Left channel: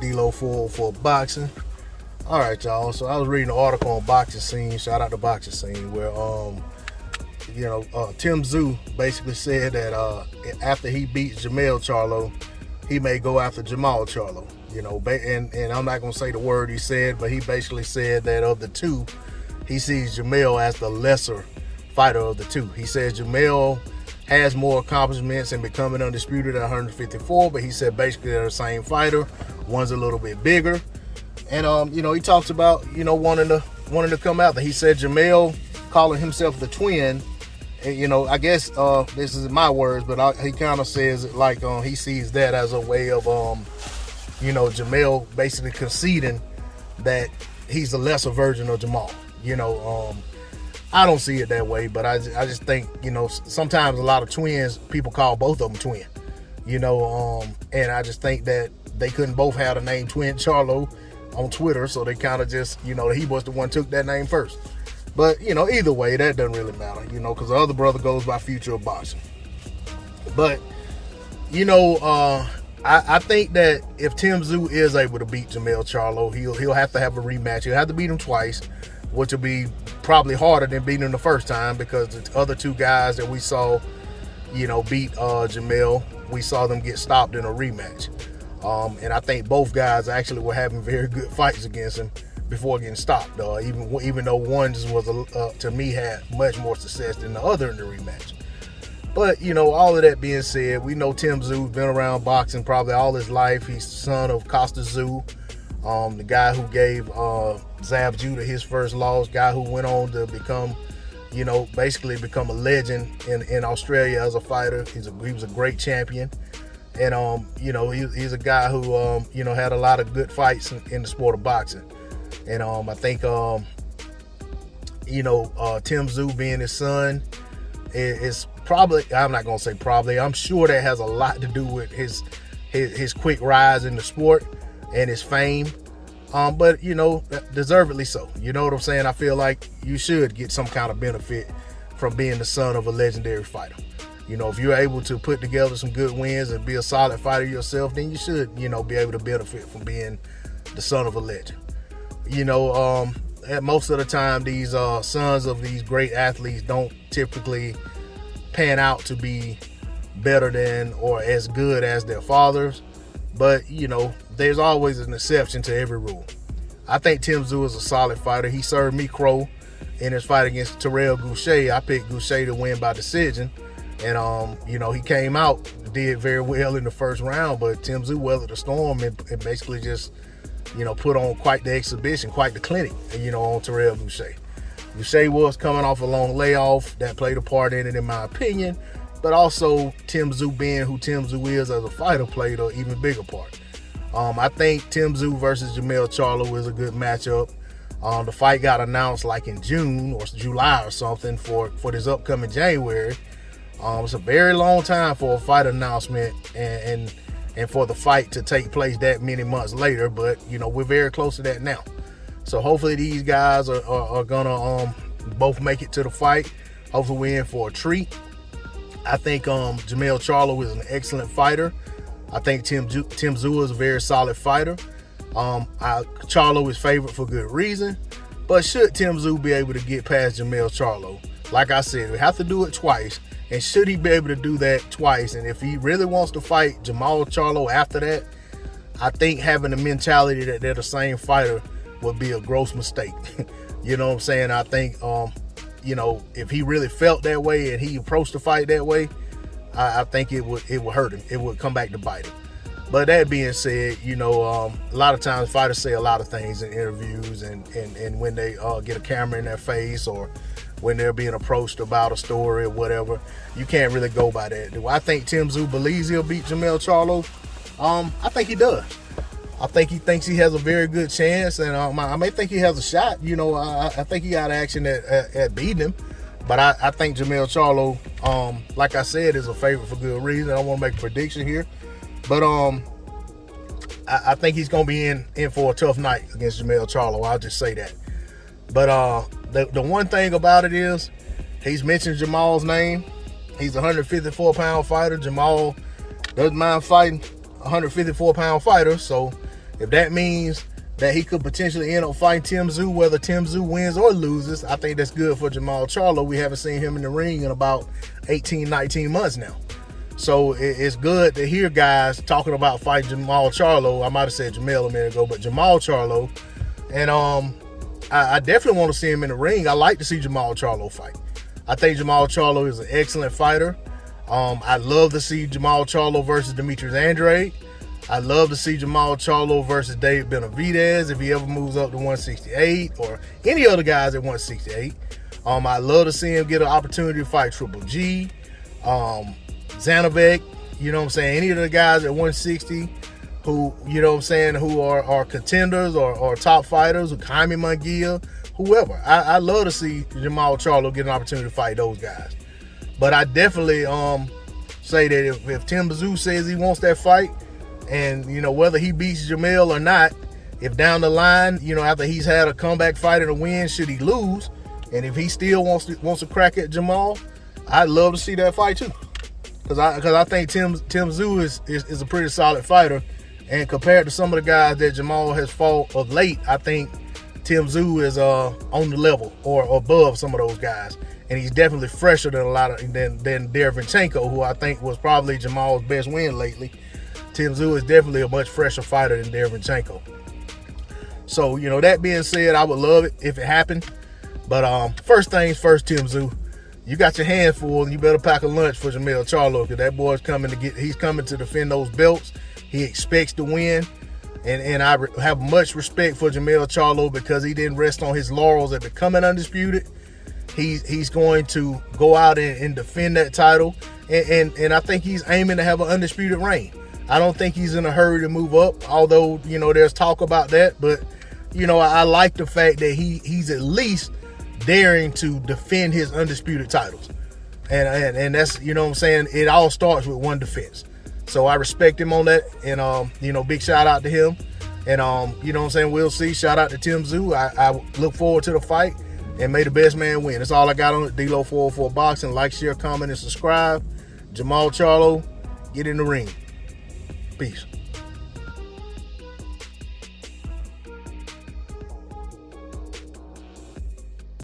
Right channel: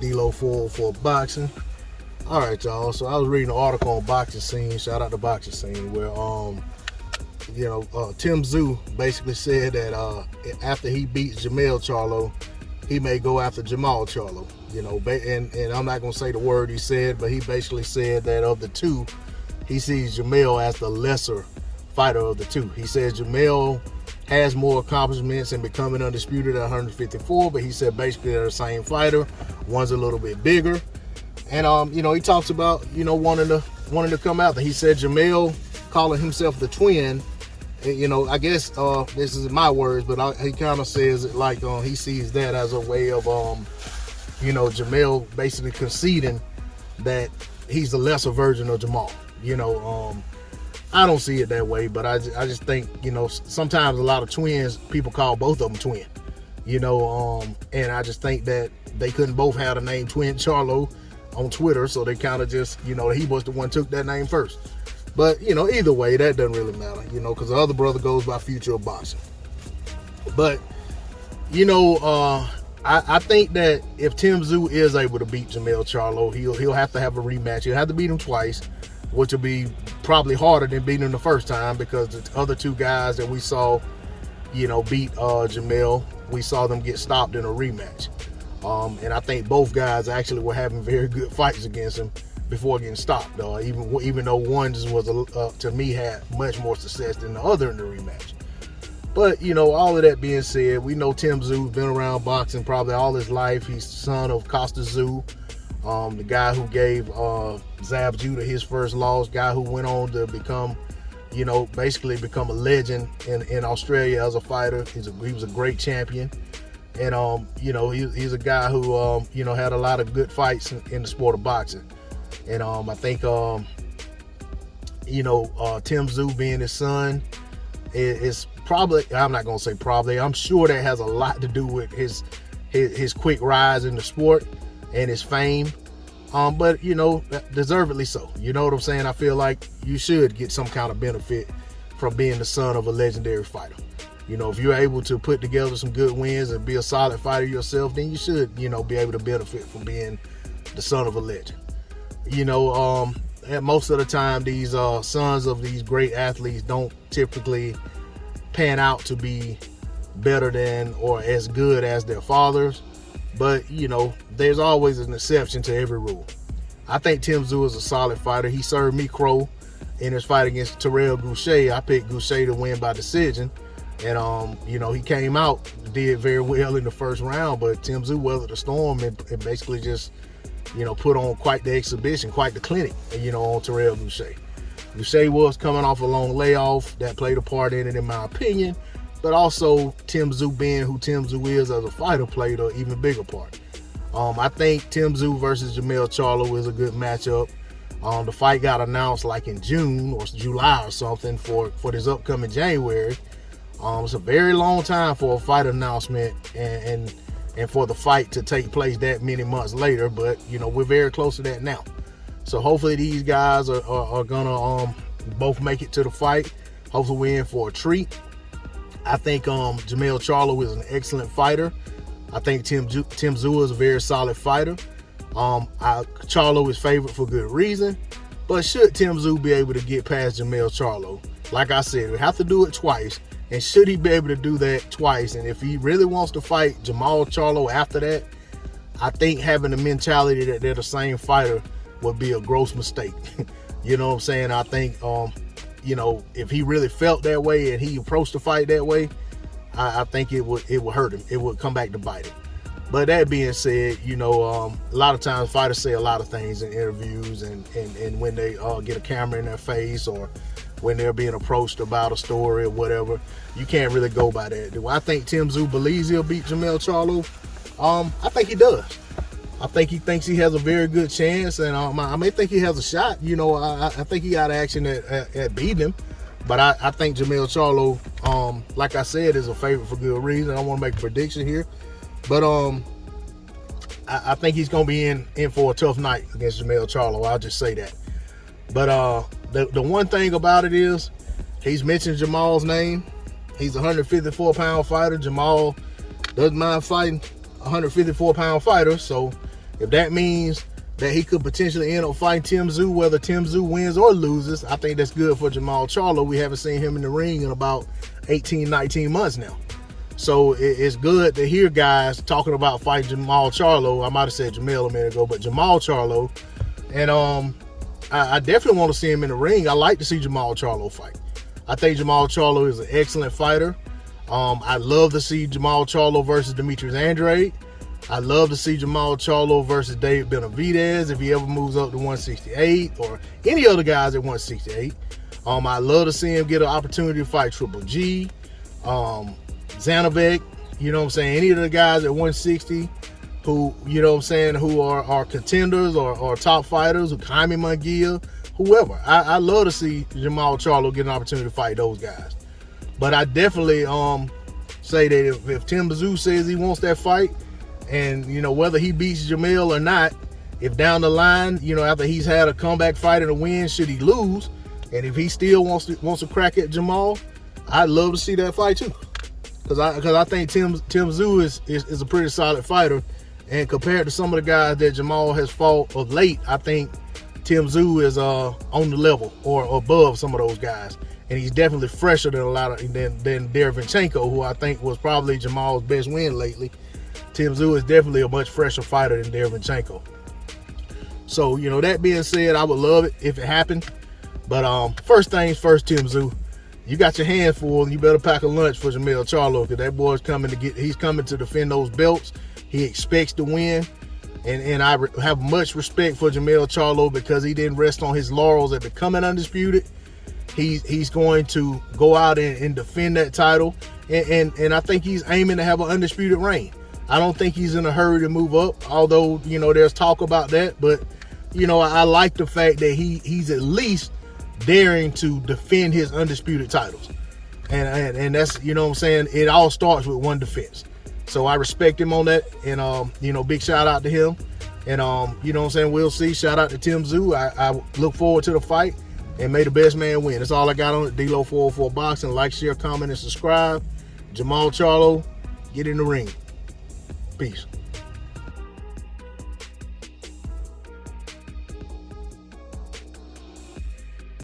D-Lo for boxing. All right, y'all. So I was reading an article on Boxing Scene. Shout out to Boxing Scene, where Tszyu basically said that after he beats Jermell Charlo, he may go after Jermall Charlo. And I'm not gonna say the word he said, but he basically said that of the two, he sees Jermell as the lesser fighter of the two. He says Jermell has more accomplishments in becoming undisputed at 154, but he said basically they're the same fighter. One's a little bit bigger. And he talks about wanting to come out there. He said Jermell calling himself the twin. And, I guess this is my words, but he kind of says it like he sees that as a way of Jermell basically conceding that he's the lesser version of Jermall. I don't see it that way, but I just think sometimes a lot of twins, people call both of them twin. And I just think that they couldn't both have the name Twin Charlo on Twitter, so they kind of just, he was the one who took that name first. But, either way, that doesn't really matter, because the other brother goes by Future of Boxing. But, I think that if Tszyu is able to beat Jermell Charlo, he'll have to have a rematch. He'll have to beat him twice, which will be probably harder than beating him the first time, because the other two guys that we saw, beat Jermell, we saw them get stopped in a rematch. And I think both guys actually were having very good fights against him before getting stopped. Even though one just was, to me, had much more success than the other in the rematch. But, all of that being said, we know Tszyu been around boxing probably all his life. He's the son of Tszyu, the guy who gave Zab Judah his first loss, guy who went on to become, basically become a legend in Australia as a fighter. He was a great champion. And, he's a guy who, had a lot of good fights in the sport of boxing. And I think, Tszyu being his son is probably, I'm not going to say probably, I'm sure that has a lot to do with his quick rise in the sport and his fame. But, deservedly so. You know what I'm saying? I feel like you should get some kind of benefit from being the son of a legendary fighter. If you're able to put together some good wins and be a solid fighter yourself, then you should, be able to benefit from being the son of a legend. Most of the time, these sons of these great athletes don't typically pan out to be better than or as good as their fathers. But, there's always an exception to every rule. I think Tszyu is a solid fighter. He served me crow in his fight against Terrell Goucher. I picked Goucher to win by decision. And, he came out, did very well in the first round, but Tszyu weathered the storm and basically just, put on quite the exhibition, quite the clinic, on Terrell Goucher. Goucher was coming off a long layoff. That played a part in it, in my opinion. But also, Tszyu being who Tszyu is as a fighter played an even bigger part. I think Tszyu versus Jermell Charlo is a good matchup. The fight got announced like in June or July or something for this upcoming January. It's a very long time for a fight announcement and for the fight to take place that many months later, but we're very close to that now. So hopefully these guys are gonna both make it to the fight. Hopefully we're in for a treat. I think Jermell Charlo is an excellent fighter. I think Tszyu is a very solid fighter. Charlo is favored for good reason, but should Tszyu be able to get past Jermell Charlo, like I said, we have to do it twice. And should he be able to do that twice, and if he really wants to fight Jermall Charlo after that, I think having the mentality that they're the same fighter would be a gross mistake. You know what I'm saying? I think, if he really felt that way and he approached the fight that way, I think it would hurt him. It would come back to bite him. But that being said, a lot of times fighters say a lot of things in interviews and when they get a camera in their face or when they're being approached about a story or whatever, you can't really go by that. Do I think Tszyu believes he'll beat Jermell Charlo? I think he does. I think he thinks he has a very good chance, and I may think he has a shot. I think he got action at beating him, but I think Jermell Charlo, like I said, is a favorite for good reason. I don't want to make a prediction here, but I think he's going to be in for a tough night against Jermell Charlo. I'll just say that. But the one thing about it is he's mentioned Jermall's name. He's a 154-pound fighter. Jermall doesn't mind fighting 154-pound fighters. So, If that means that he could potentially end up fighting Tszyu, whether Tszyu wins or loses, I think that's good for Jermall Charlo. We haven't seen him in the ring in about 18, 19 months now. So it's good to hear guys talking about fighting Jermall Charlo. I might have said Jermell a minute ago, but Jermall Charlo. And I definitely want to see him in the ring. I like to see Jermall Charlo fight. I think Jermall Charlo is an excellent fighter. I'd love to see Jermall Charlo versus Demetrius Andrade. I'd love to see Jermall Charlo versus David Benavidez if he ever moves up to 168, or any other guys at 168. I'd love to see him get an opportunity to fight Triple G, Zanovic, you know what I'm saying, any of the guys at 160 who, you know what I'm saying, who are contenders or top fighters, Jaime Munguia, whoever. I love to see Jermall Charlo get an opportunity to fight those guys. But I definitely say that if Tszyu says he wants that fight, and, you know, whether he beats Jermell or not, if down the line, you know, after he's had a comeback fight and a win, should he lose, and if he still wants to crack at Jermall, I'd love to see that fight too. Because I think Tszyu is a pretty solid fighter, and compared to some of the guys that Jermall has fought of late, I think Tszyu is on the level or above some of those guys, and he's definitely fresher than than Derevyanchenko, who I think was probably Jermall's best win lately. Tszyu is definitely a much fresher fighter than Derevyanchenko. So, you know, that being said, I would love it if it happened. But first things first, Tszyu, you got your hands full, and you better pack a lunch for Jermall Charlo, because that boy's he's coming to defend those belts. He expects to win. And I have much respect for Jermall Charlo, because he didn't rest on his laurels at becoming undisputed. He's going to go out and defend that title. And I think he's aiming to have an undisputed reign. I don't think he's in a hurry to move up, although, you know, there's talk about that. But, you know, I like the fact that he's at least daring to defend his undisputed titles. And that's, you know what I'm saying, it all starts with one defense. So I respect him on that. And, you know, big shout out to him. And, you know what I'm saying, we'll see. Shout out to Tszyu. I look forward to the fight. And may the best man win. That's all I got on it. D-Lo 404 Boxing. Like, share, comment, and subscribe. Jermall Charlo, get in the ring. Peace.